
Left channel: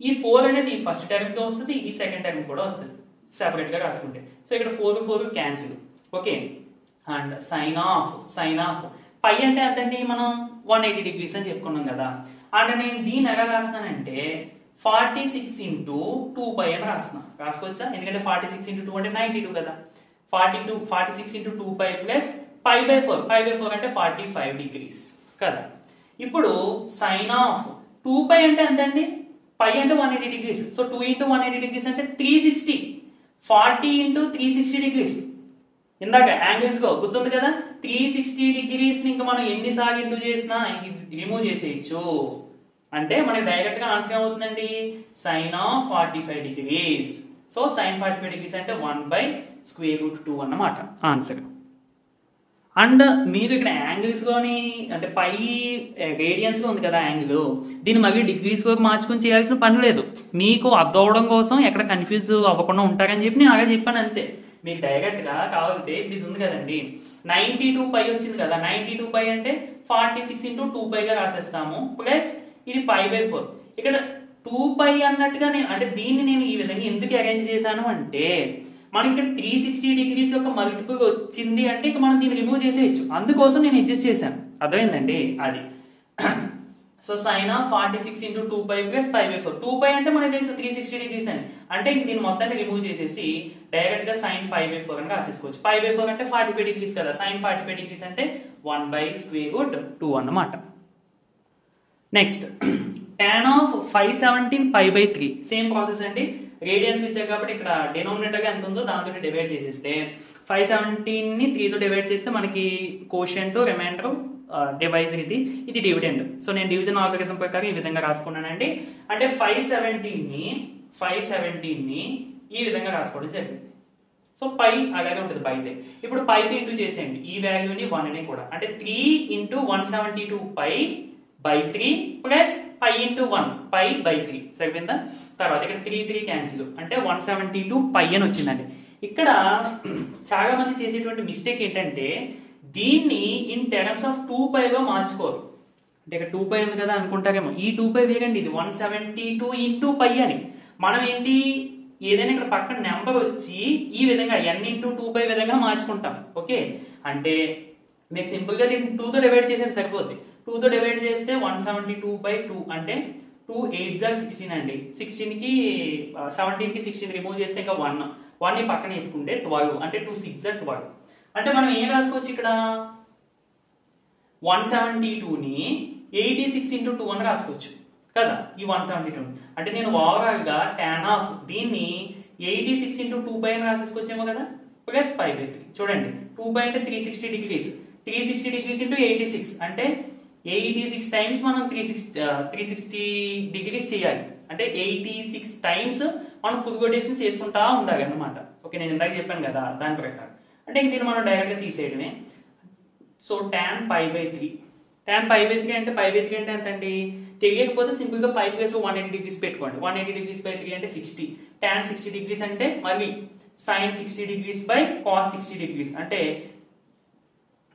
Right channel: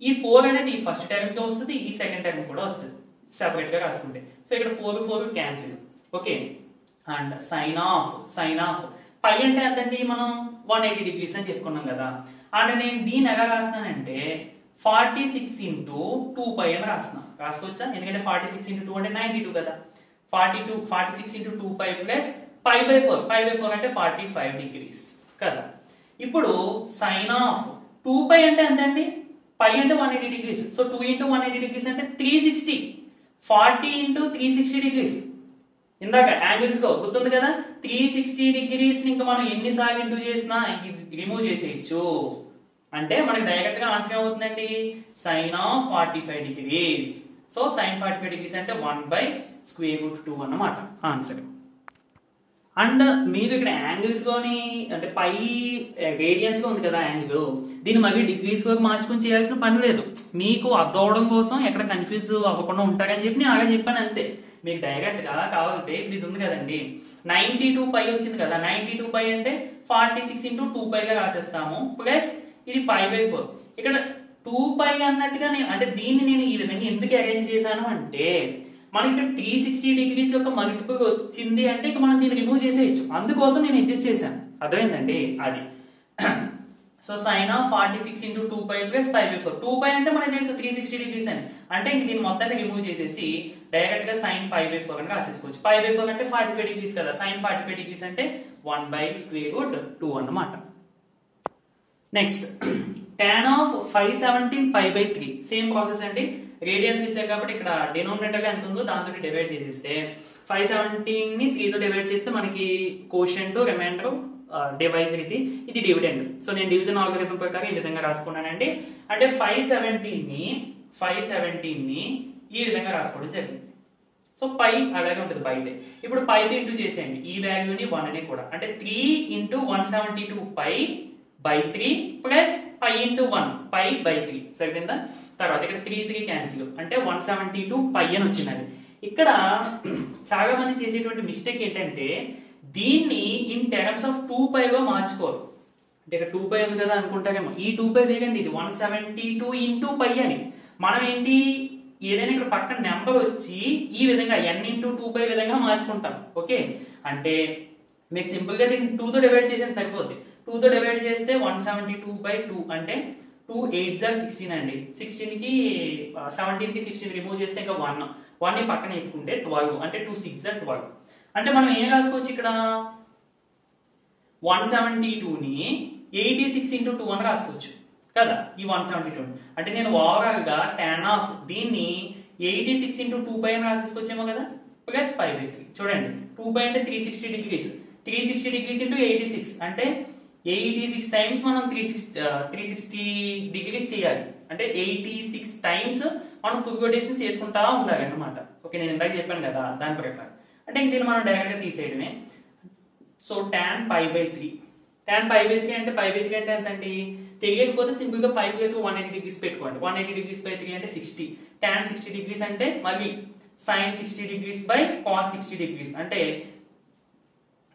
ఈ 4 అనేది ఈ ఫస్ట్ టర్మ్ తో వస్తుంది, ఈ సెకండ్ టర్మ్ కూడా వస్తుంది సెపరేట్ గా రాసుకుంటే. సో ఇక్కడ 4 cancel. Okay, and sine of π అంటే అదండి మనం 180 degrees అని చెప్పుకున్నాం కదా. అండ్ నేను దీన్ని ఎలా రాస్తానంటే 46 into 2π అని రాసుకోవచ్చా, ఎందుకంటే 46 into 2 అంటే 92 కదా. 46 into 2π ప్లస్ π/4 అంటే 45 degrees కదా. ఇప్పుడు సైన్ ఆఫ్ 2π అంటే ఎంతండి, π అంటే 180 degrees. సో 2 into 180 degrees అంటే 360. 40 into 360 degrees. ఇందాక యాంగిల్స్ గా గుర్తుంది కదా, 360 degrees ని ఇంకా మనం ఎన్నిసార్లు ఇంటూ చేసినా రిమూవ్ చేసేయచ్చు. అంటే మనకి డైరెక్ట్ గా ఆన్సర్ ఏమవుతుందండి, sine of 45 degrees. So sine 45 degrees అంటే 1/√2 అన్నమాట ఆన్సర్. అండ్ మీరు ఇక్కడ యాంగిల్స్ లోని అంటే పై రేడియన్స్ లో ఉంది కదా యాంగిల్, దీన్ని మళ్ళీ డిగ్రీస్ లో మార్చుకొని చేయాల్సిన పని లేదు. మీకు అర్థం అవడం కోసం ఎక్కడ కన్ఫ్యూజ్ అవ్వకుండా ఉంటారని చెప్పి నేను అలా చెప్పాను అంతే. మీకు డైరెక్ట్ గా కావాలంటే ఇప్పుడు ఇది ఉంది కదండి, 92 π వచ్చింది కదా. 92 π అంటే 46 into 2π గా రాసేస్తాము ప్లస్ ఇది π/4. ఇక్కడ 2π అన్నట్టుగా అంటే దీన్ని నేను ఈ విధంగా ఎందుకు అరేంజ్ చేశాను అంటే మనకి ఇక్కడ 360 degrees యొక్క మల్టిపుల్ వచ్చింది అంటే ఇక మనం దీన్ని రిమూవ్ చేసేయచ్చు, అందుకోసం నేను అడ్జస్ట్ చేశాను. అర్థమైందండి అది. So sine of 46 into 2π plus π/4. 2π అంటే మనకి తెలుసు 360 degrees అని, అంటే ఇంక దీన్ని మొత్తాన్ని రిమూవ్ చేసేసి డైరెక్ట్ గా సైన్ π/4 అని రాసేసుకోవచ్చు. π/4 అంటే 45 degrees కదా, సైన్ 45 degrees అంటే 1/√2 అన్నమాట. Next tan of 517 π/3 same process అండి. రేడియన్స్ ఇచ్చారు కాబట్టి ఇక్కడ డినోమినేటర్ గా ఎంత ఉందో దాంతో డివైడ్ చేసేస్తే 517 ని 3 తో డివైడ్ చేస్తే మనకి కోషియంట్ రిమైండర్ డివైజర్ ఇది డివిడెండ్. సో నేను డివిజన్ ఆల్గరిథం ప్రకారం ఈ విధంగా రాసుకున్నానండి. అంటే 517 ని ఈ విధంగా రాసుకోవడం జరిగింది. సో పై అలాగే ఉంటుంది బయట. ఇప్పుడు పైతో ఇంటూ చేసేయండి ఈ వాల్యూని 1 ని కూడా, అంటే 3 into 172 π/3 ప్లస్ π into 1 π/3 సరిపోయిందా. తర్వాత ఇక్కడ 3 క్యాన్సిల్ అంటే 172 π అని వచ్చిందండి. ఇక్కడ చాలా మంది చేసేటువంటి మిస్టేక్ ఏంటంటే దీన్ని ఇన్ టర్మ్స్ ఆఫ్ 2π గా మార్చుకోరు. అంటే ఇక్కడ 2π ఉంది కదా అనుకుంటారేమో, ఈ 2π వేగండి ఇది 172 into π అని. మనం ఏంటి ఏదైనా ఇక్కడ పక్కన నెంబర్ వచ్చి ఈ విధంగా n into 2π విధంగా మార్చుకుంటాం. ఓకే, అంటే మీకు సింపుల్ గా దీన్ని 2 తో డివైడ్ చేసేది సరిపోద్ది. 2 తో డివైడ్ చేస్తే 172/2 అంటే 2 8 are 16 అండి. 16 కి 17 కి 16 రిమూవ్ చేస్తే ఇంకా 1 ని పక్కన వేసుకుంటే 12 అంటే 2 6 are 12. అంటే మనం ఏం రాసుకోవచ్చు ఇక్కడ 172 ని 86 into 2 అని రాసుకోవచ్చు కదా. ఈ 172 అంటే నేను ఓవరాల్ గా tan ఆఫ్ దీన్ని 86 into 2π అని రాసేసుకోవచ్చేమో కదా ప్లస్ π/3. చూడండి 2π అంటే 360 degrees, 360 degrees into 86 అంటే 86 టైమ్స్ మనం 360 degrees చేయాలి. అంటే 86 టైమ్స్ మనం ఫుల్ కొటేషన్స్ చేసుకుంటా ఉండాలి అనమాట. ఓకే, నేను ఇందాక చెప్పాను కదా దాని ప్రకారం. అంటే ఇంక మనం డైరెక్ట్ గా తీసేయడమే. సో tan π/3 అంటే π/3 అంటే ఎంత అండి? తెలియకపోతే సింపుల్ గా π ప్లస్ 180 డిగ్రీస్ పెట్టుకోండి. 180 డిగ్రీస్ బై 3 అంటే 60. tan 60 డిగ్రీస్ అంటే మళ్ళీ sin 60 degrees by cos 60 degrees. అంటే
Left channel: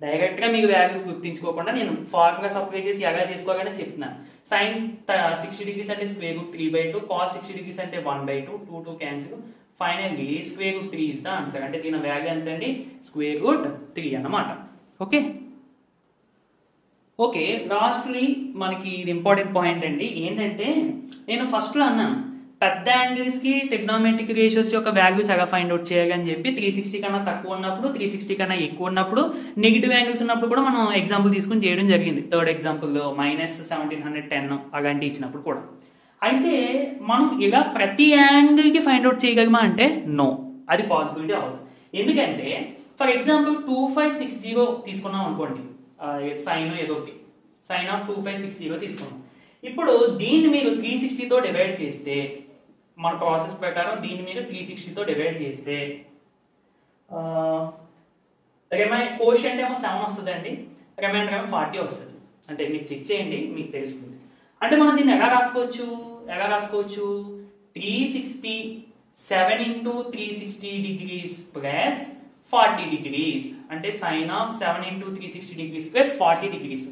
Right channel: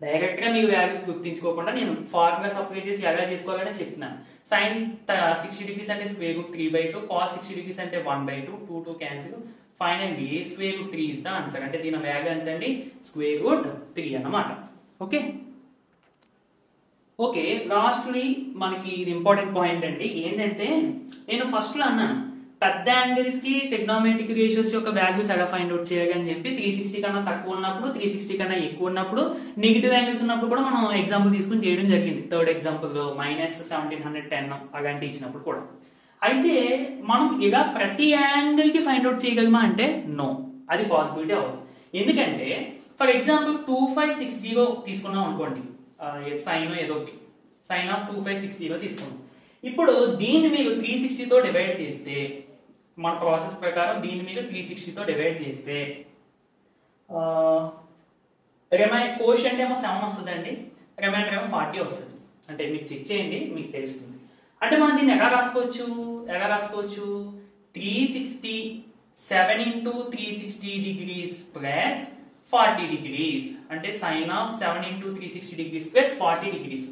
డైరెక్ట్ గా మీరు వాల్యూస్ గుర్తించుకోకుండా నేను ఫార్ములాస్ అప్లై చేసి ఎలా చేసుకోవాలని చెప్తున్నాను. sin 60 డిగ్రీస్ అంటే √3/2, cos 60 డిగ్రీస్ అంటే 1/2, 2 cancel. Finally √3 is the answer. అంటే దీని వాల్యూ ఎంత అండి? √3 అన్నమాట. ఓకే ఓకే లాస్ట్లీ మనకి ఇది ఇంపార్టెంట్ పాయింట్ అండి. ఏంటంటే నేను ఫస్ట్ లో అన్నాను పెద్ద యాంగిల్స్ కి ట్రిగ్నోమెట్రిక్ రేషియోస్ యొక్క వాల్యూస్ ఎలా ఫైండ్ అవుట్ చేయాలని చెప్పి 360 కన్నా తక్కువ ఉన్నప్పుడు, 360 కన్నా ఎక్కువ ఉన్నప్పుడు, నెగిటివ్ యాంగిల్స్ ఉన్నప్పుడు కూడా మనం ఎగ్జాంపుల్ తీసుకుని చేయడం జరిగింది. థర్డ్ ఎగ్జాంపుల్ లో -1710 అలాంటి ఇచ్చినప్పుడు కూడా. అయితే మనం ఇలా ప్రతి యాంగిల్ కి ఫైండ్ అవుట్ చేయగలమా అంటే నో, అది పాసిబిలిటీ అవ్వదు. ఎందుకంటే ఫర్ ఎగ్జాంపుల్ 2560 తీసుకున్నాం అనుకోండి, సైన్ ఏదో ఒకటి sin ఆఫ్ 2560 తీసుకున్నాం. ఇప్పుడు దీన్ని మీరు 360 తో డివైడ్ చేస్తే, మన ప్రాసెస్ ప్రకారం దీన్ని మీరు 360 తో డివైడ్ చేస్తే కోషంట్ ఏమో 7 వస్తుందండి, రిమైండర్ ఏమో 40 వస్తుంది. అంటే మీకు చెక్ చేయండి, మీకు తెలుస్తుంది. అంటే మనం దీన్ని ఎలా రాసుకోవచ్చు? 360 7 into 360 degrees plus 40 degrees అంటే sin of 7 into 360 degrees plus 40 degrees.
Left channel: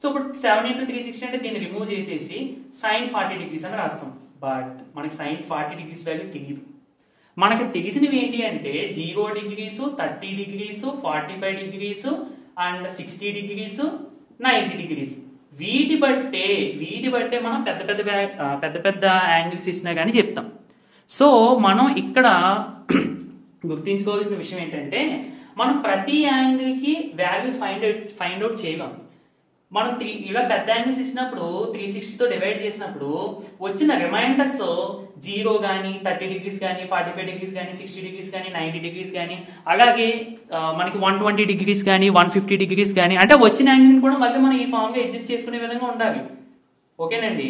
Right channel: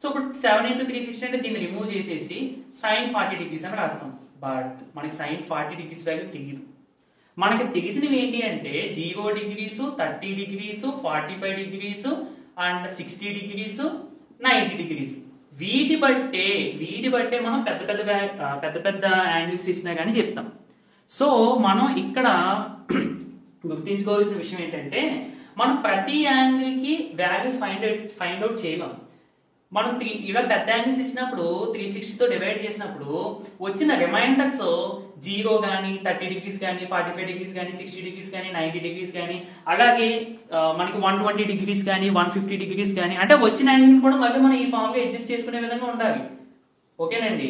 So ఇప్పుడు 7 into 360 అంటే దీన్ని రిమూవ్ చేసేసి sin 40 degrees అని రాస్తాం. బట్ మనకి sin 40 degrees వాల్యూ తెలియదు. మనకి తెలిసినవి ఏంటి అంటే 0 degrees, 30 degrees, 45 degrees and 60 degrees, 90 degrees. వీటి బట్టే మనం పెద్ద పెద్ద యాంగిల్స్ ఇచ్చినా కానీ చెప్తాం. సో మనం ఇక్కడ గుర్తించుకోవాల్సిన విషయం ఏంటంటే మనం ప్రతి యాంగిల్ కి వాల్యూస్ ఫైండ్ అవుట్ చేయలేం. మనం ఇలా పెద్ద యాంగిల్స్ ఇచ్చినప్పుడు 360 తో డివైడ్ చేసినప్పుడు వచ్చిన రిమైండర్స్ 0 గానీ, 30 degrees గానీ, 45 degrees గానీ, 60 degrees గానీ, 90 degrees గానీ, అలాగే మనకి 120 degrees గానీ, 150 degrees గానీ, అంటే వచ్చిన యాంగిల్ కూడా మళ్ళీ మనం ఈ ఫామ్ గా అడ్జస్ట్ చేసుకునే విధంగా ఉండాలి. ఓకేనండి,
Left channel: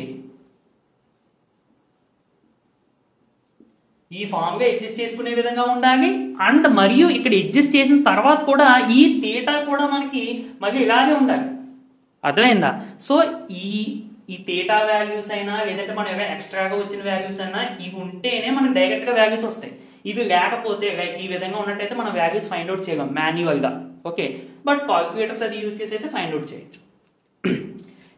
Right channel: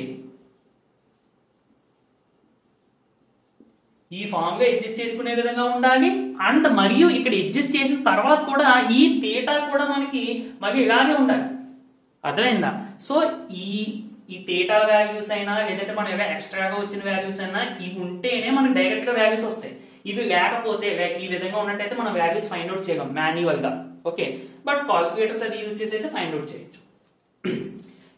ఈ ఫామ్ గా అడ్జస్ట్ చేసుకునే విధంగా ఉండాలి. అండ్ మరియు ఇక్కడ అడ్జస్ట్ చేసిన తర్వాత కూడా ఈ థీటా కూడా మనకి మళ్ళీ ఇలాగే ఉండాలి. అర్థమైందా? సో ఈ థీటా వాల్యూస్ అయినా లేదంటే మన ఎక్స్ట్రాగా వచ్చిన వాల్యూస్ అయినా ఇవి ఉంటేనే మనకి డైరెక్ట్ గా వాల్యూస్ వస్తాయి. ఇవి లేకపోతే లైక్ ఈ విధంగా ఉన్నట్టయితే మనం వాల్యూస్ ఫైండ్ అవుట్ చేయగలం మాన్యువల్ గా. ఓకే, బట్ కాల్కులేటర్స్ అది యూజ్ చేసి అయితే ఫైండ్ అవుట్ చేయొచ్చు.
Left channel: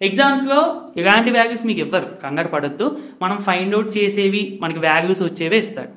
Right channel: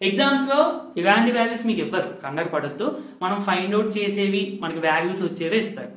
ఎగ్జామ్స్ లో ఇలాంటి వాల్యూస్ మీకు ఇవ్వరు, కంగారు పడొద్దు. మనం ఫైండ్ అవుట్ చేసేవి మనకి వాల్యూస్ వచ్చేవే ఇస్తారు.